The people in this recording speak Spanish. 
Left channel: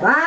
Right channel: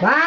Va